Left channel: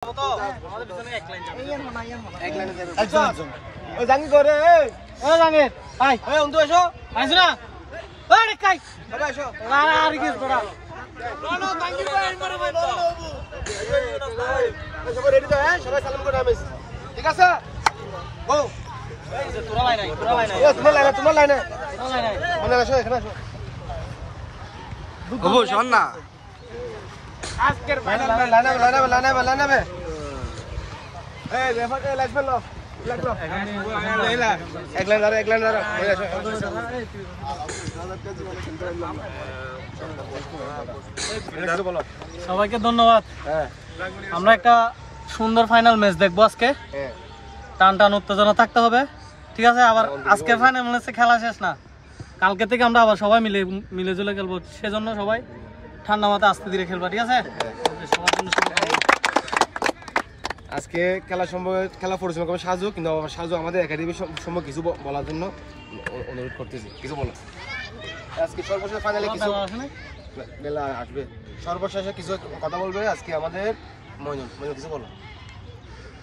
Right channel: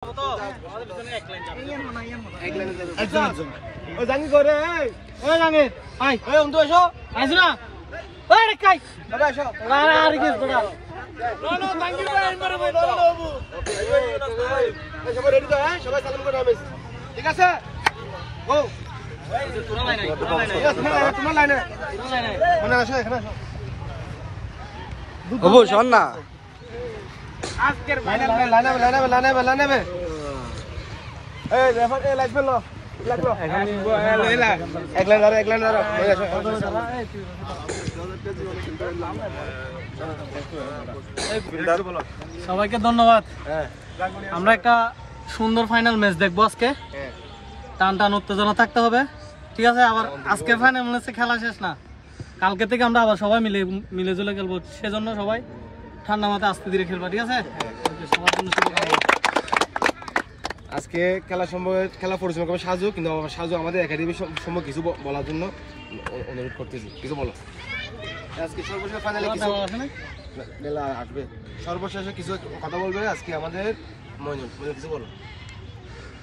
ঠিক আছে তোমার লাইনে শোন না আজকের ফাইনাল লাইনে এই রেফার এ লাগবে লো লাগলো লেলা একলাইন সবাইকে ধন্যবাদ। আমরা একটা সুন্দর ফাইনাল ম্যাচ দেখবো আজকে। টান টান উত্তেজনা থাকতে হবে, ঠিক আছে? আবার আজকের ফাইনাল ম্যাচে খেলা শেষ না, কালকে থেকে আমরা আবার সবাই মিলে জুলে খেলবো। সেজন্য সবাই ঠান্ডা মাথায় আস্তে ধীরে খেলবা, ঠিক আছে? সবার জন্য আজকে খেলা পরিচালনা করবে সাজু, কিন্তু সাজু আমাদের একাডেমির সম্পর্কে কিছু বলার জন্য অনুরোধ করতেছি, কিছু বলো। আজকে সর্বশেষ ফাইনালে মেলা আসবে, সর্বশেষে কিছু কথা বলবে আজকে আমাদের মইনুল কিছু বলো।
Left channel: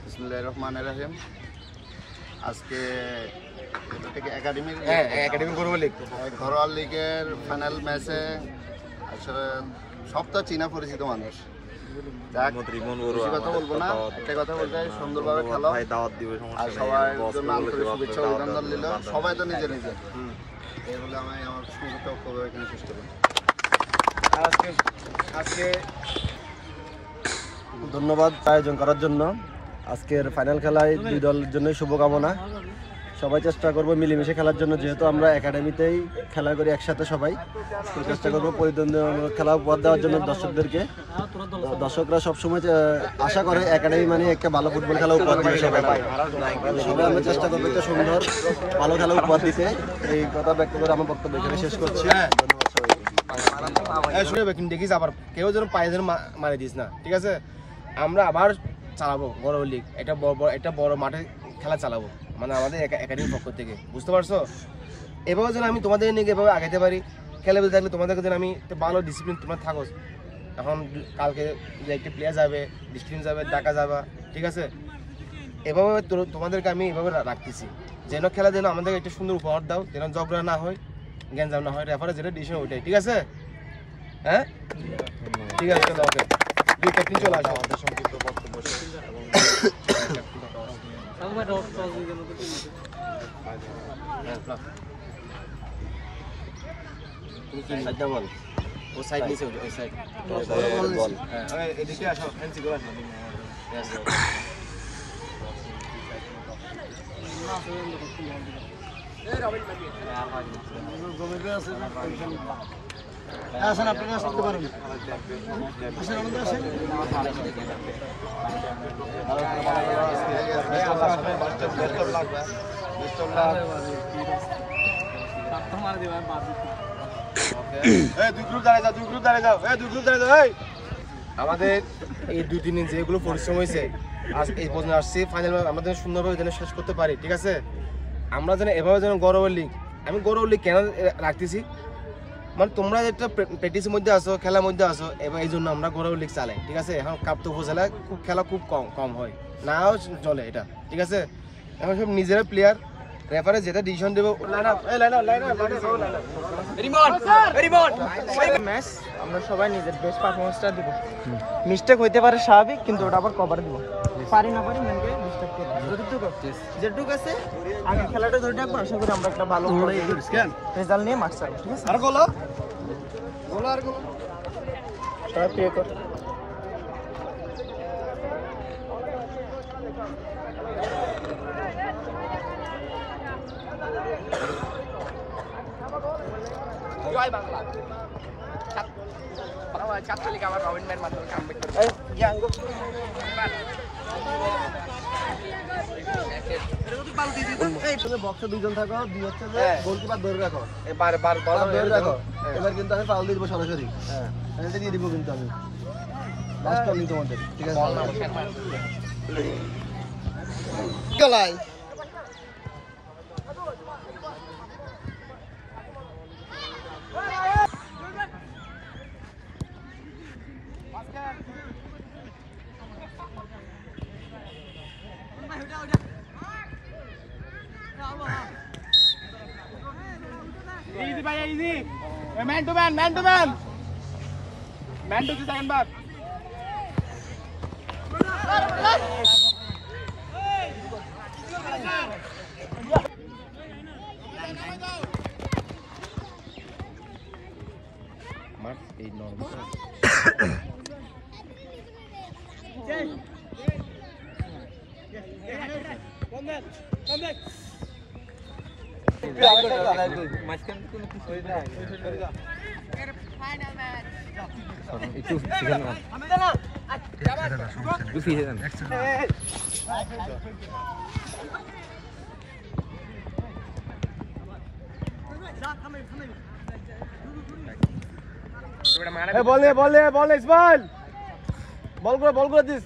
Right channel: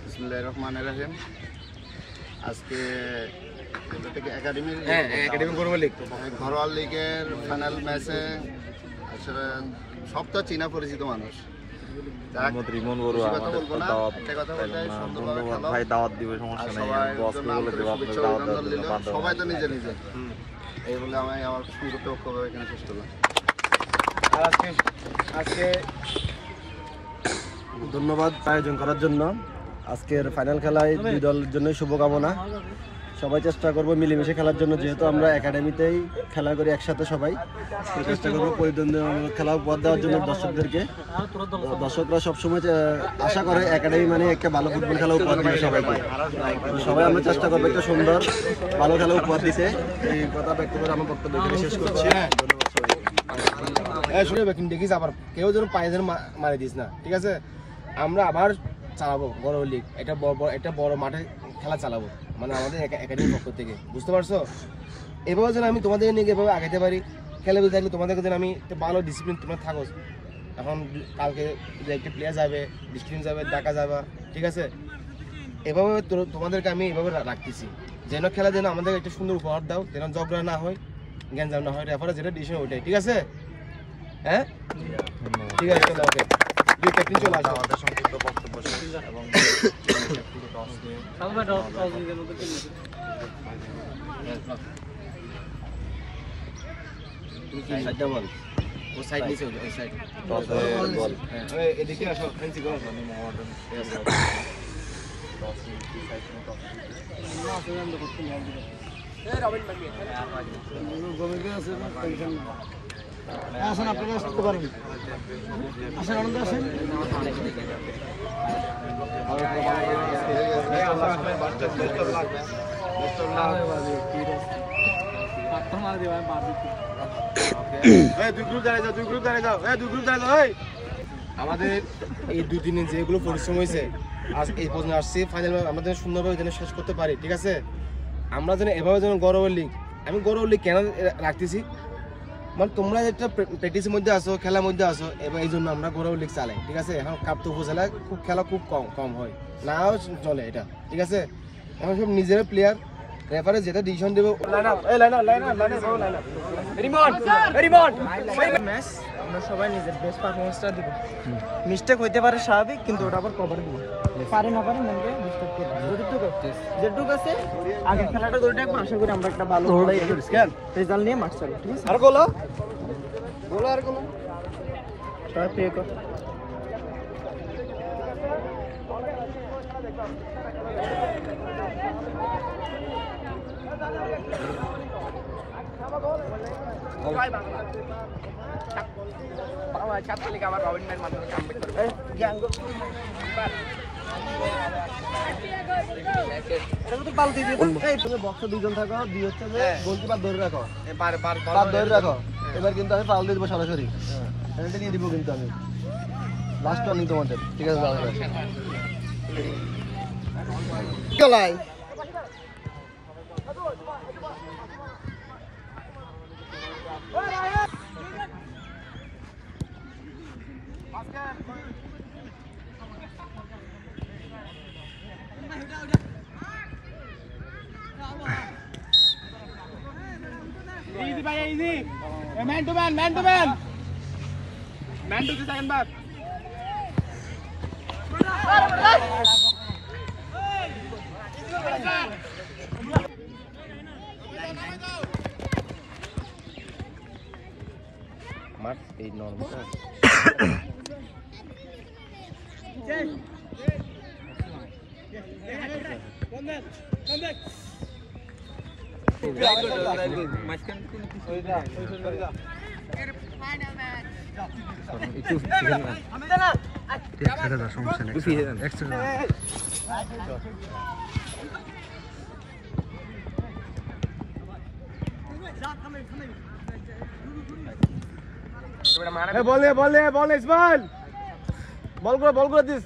বিসমিল্লাহির রহমানির রহিম। আজকে একাডেমি ঘরোয়া লিগ, ঘরোয়া লিগের ফাইনাল ম্যাচে আসলে সব তো চীনা পরিচিত মানুষ। সবাই তো নিজে নিজে এই বলে আমি আমার বক্তব্য এখানে শেষ করলাম। আজকে ধন্যবাদ আয়োজন করার জন্য। আজকের ফাইনাল খেলায় দুই দলের জন্য শুভকামনা। সবাই চেষ্টা করবো মিলেমিশে খেলার জন্য, যেহেতু আমরা একাডেমিতেই খেলা করি একসাথে। সবাই চেষ্টা করবো প্রতিদ্বন্দ্বী খেলা উপহার দেওয়ার জন্য দর্শকদেরকে। দর্শকরা সবসময় আশা করে একাডেমি মানে একটা ভালো ফুটবল খেলা উপহার দিবে সবাইকে। সবাই আমরা চেষ্টা করবো একটা সুন্দর ভালো খেলা উপহার দিতে। এই কথা ব্যক্ত করে আমার বক্তব্য এখানে শেষ করছি। ধন্যবাদ সবাইকে। শুনে দেখিস আবার কেউ যেন পায়ে যেন মারি দিস না, ঠিক আছে? আমরা আবার চালাবো ঘরোয়া লিগ, এটা বড় মাঠে খেলা চালাবো, মানে আমাদের একাডেমির পক্ষ থেকে, বুঝতে পারছো? এভাবে যেন আমি তোমাদের নিয়ে এভাবে আগাইতে পারি। খেলে বুঝতে থাকলে তোমাদেরকে যেন আমি একটা ভালো ডিসিপ্লিন তোমরা থাকো। এখন কালকে যে একটা প্লেয়ার যাবে, ডিসিপ্লিন যাবে, ডাকা যাবা, ঠিক আছে? এভাবে তোমাদেরকে আমি এভাবে রাখতেছি যেন খেলা যেন আমাদের একটা সুন্দর উপহার দাও, যেন ঝগড়া না হয়, গ্যাঞ্জাম না হয়। রেফারে যেটা ডিসিশন ওইটাই, ঠিক আছে? হ্যাঁ, ঠিক আছে, চলো। ওকে, দুই ক্যাপ্টেন চলে আসো। ও সাইড নিচে ওই সাইড বল। হ্যাঁ, এদিকে আসো, এনসি করে আসো। আসেন, আপনি আসতে পারেন। আসেন, আনন্দ আসেন। আমাদের এই 2-3 দিন যেগুলো পরিশ্রম হয়েছে, আজ এই পর্যন্ত আসছি ফাইনাল আমাদের সুন্দরভাবে যেন শেষ করতে পারি, ঠিক আছে? আমরা যেন এভাবে যেন ঘরোয়া লিগ, আমি ঘরোয়া লিগ কেন রাখতেছি, মানে তোমরা যেটা প্র্যাকটিসের মধ্যে আসো, খেলার মধ্যে আসো, এবার এই জন্য আমরা ঘরোয়া লিগ চালাই, ঠিক আছে? এখন কাপ তো উপজেলায় খেলা খুব কম হয়, নাও চলে এটা, ঠিক আছে? এখন সব নিজেরা প্লেয়ার, রেফারে যেটা ডিসিশন দেবো। আমরা সবাই নিজের বেস্ট পারফরমেন্সটা দিব। মিস্টেক হইতে পারে স্বাভাবিক, কিন্তু ওটা আবার কভার দিব। পারি না পারি মেনকে ডিস্টার্ব করব। যেটুকু আছে আগে খেলাটা ধরে রাখবো। আশা করি আমরা একটা ভালো রেজাল্ট নিয়ে মাঠ ছাড়বো, ঠিক আছে? আর গোলা আর গোলা সবাই প্রে কর। জয় বাংলা। বাংলা ছাত্র লীগ আবার রবিন ভাইয়ের মাধ্যমে কামব্যাক করবে। বক্সে দুইজন থাকো, দুই হচ্ছে যে গোলকিপার ধরে রাখো, ধরে রাখো। এবার কিন্তু আমি পাল দিয়ে দিব সরাসরি, পেনাল্টি দিয়ে দিব কিন্তু আমি লাস্ট টার্নিং তোমাদের, ঠিক আছে? Easy man to man man to man man to second back মাঠ এই নরমাল বল ইসমাইল বল করে দিস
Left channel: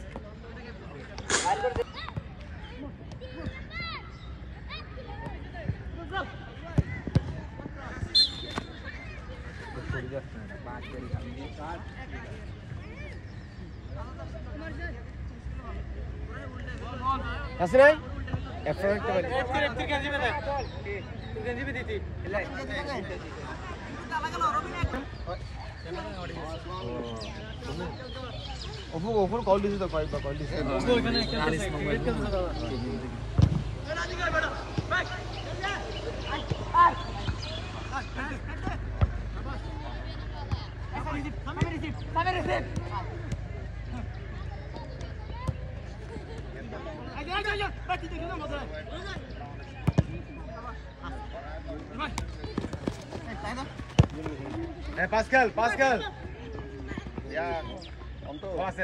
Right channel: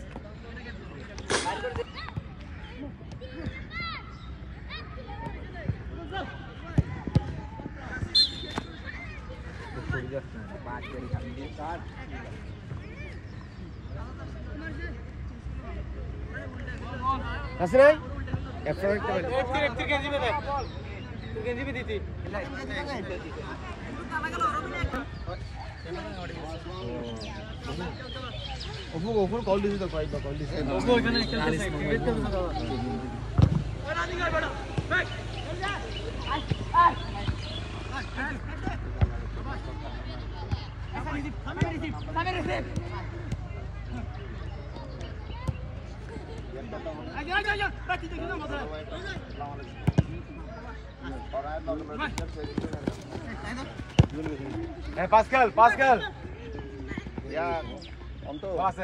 আসরে ওপর কল দিছি তো ভাই কল দিছি Pascal. Ya, onto. Aste.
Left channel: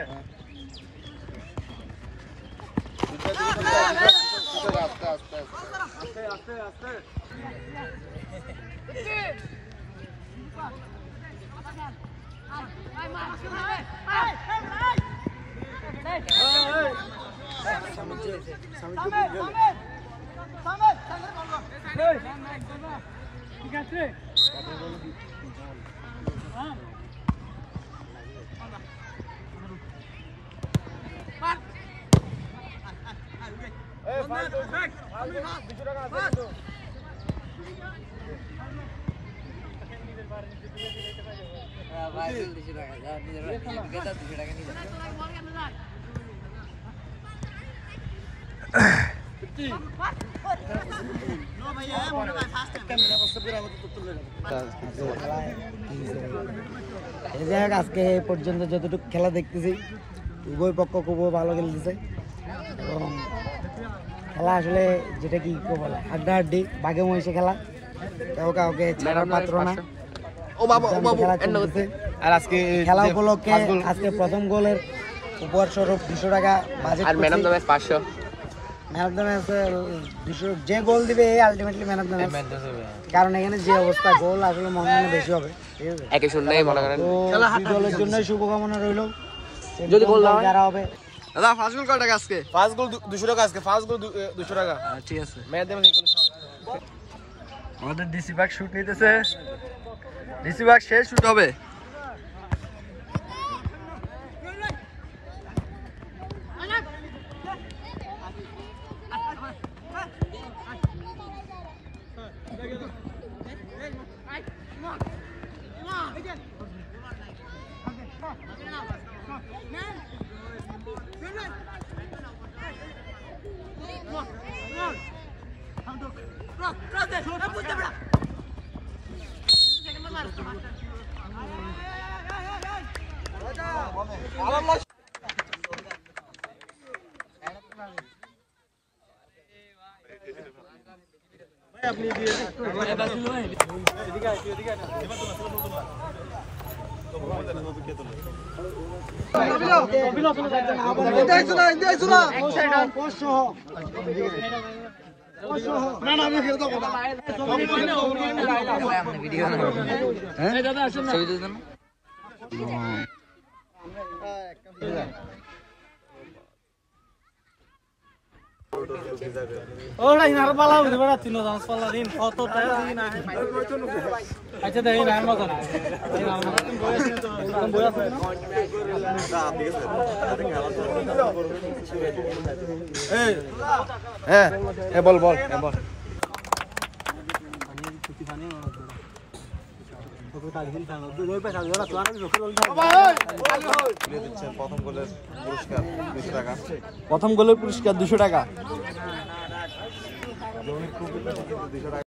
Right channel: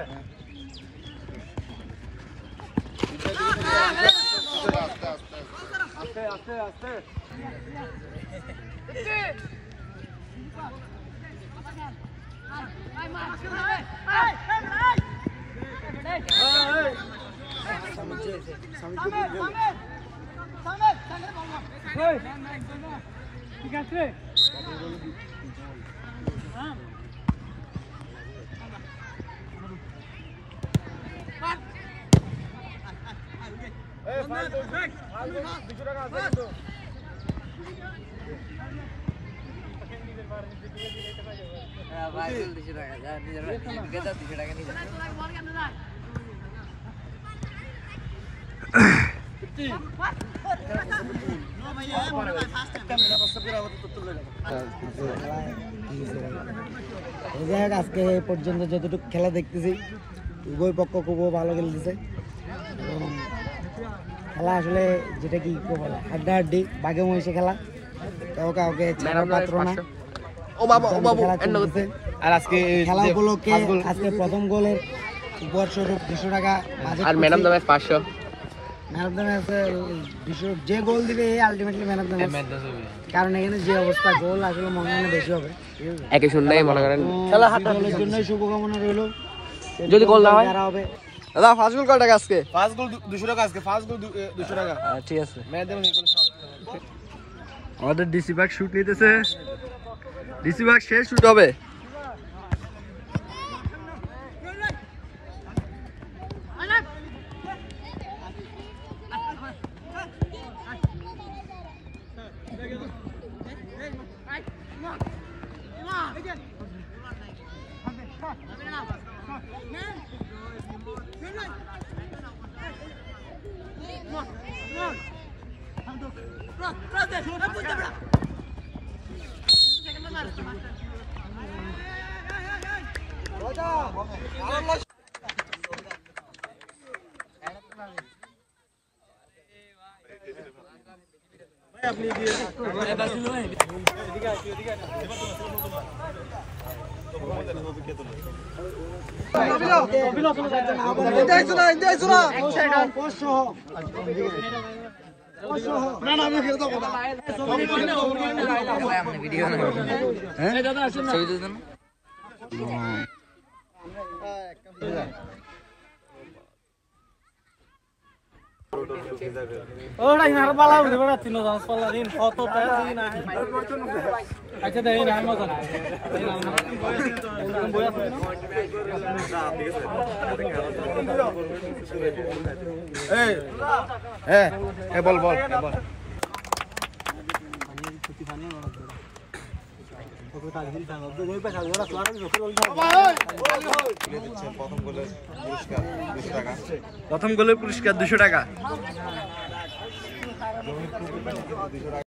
ঠিক আছে আজকে এই পর্যন্ত যতটুকু খেলা দেখতেছি উভয় পক্ষ খুব ভালো খেলতেছে এবং খেলা আসলে যেটা কি বলে হাড্ডাহাড্ডি বাঘে মহিষে খেলা কাউকে ছাড়ার পাত্র না খেলা চলতেছে আর আজকে খেলা উপলক্ষে আজকে প্রথম গোলের উপহার স্বরূপ 200 টাকা বাজেট আর man of the match 500 man of the match 200 যে গোল দিবে ultimately man of the match কারণ এখানে যে অবস্থা গোল আসলে মনে হয় বেশি হবে একই শুনলেই মনে করেন খেলা হাড্ডাহাড্ডির জন্য শুভকামনা রইল যদি গোল না হয় যারা হবে দাদা ফার্স্ট গোল কত টাকা আজকে ফার্স্ট গোল 200 টাকা আজকে ফার্স্ট গোল 200 টাকা ঠিক আছে ম্যাচ দেবেন এগুলো সব আমাদের ডিসি ব্যাগ শুট নিতেছে ডিসি ব্যাগ শেষ শুট হবে ওরা ইনার পালা উঠে বেড়া তিন জান পালা দিন কত দিন আচ্ছা দেই না মত না বল প্রথম গোলের পুরস্কার 200 টাকা।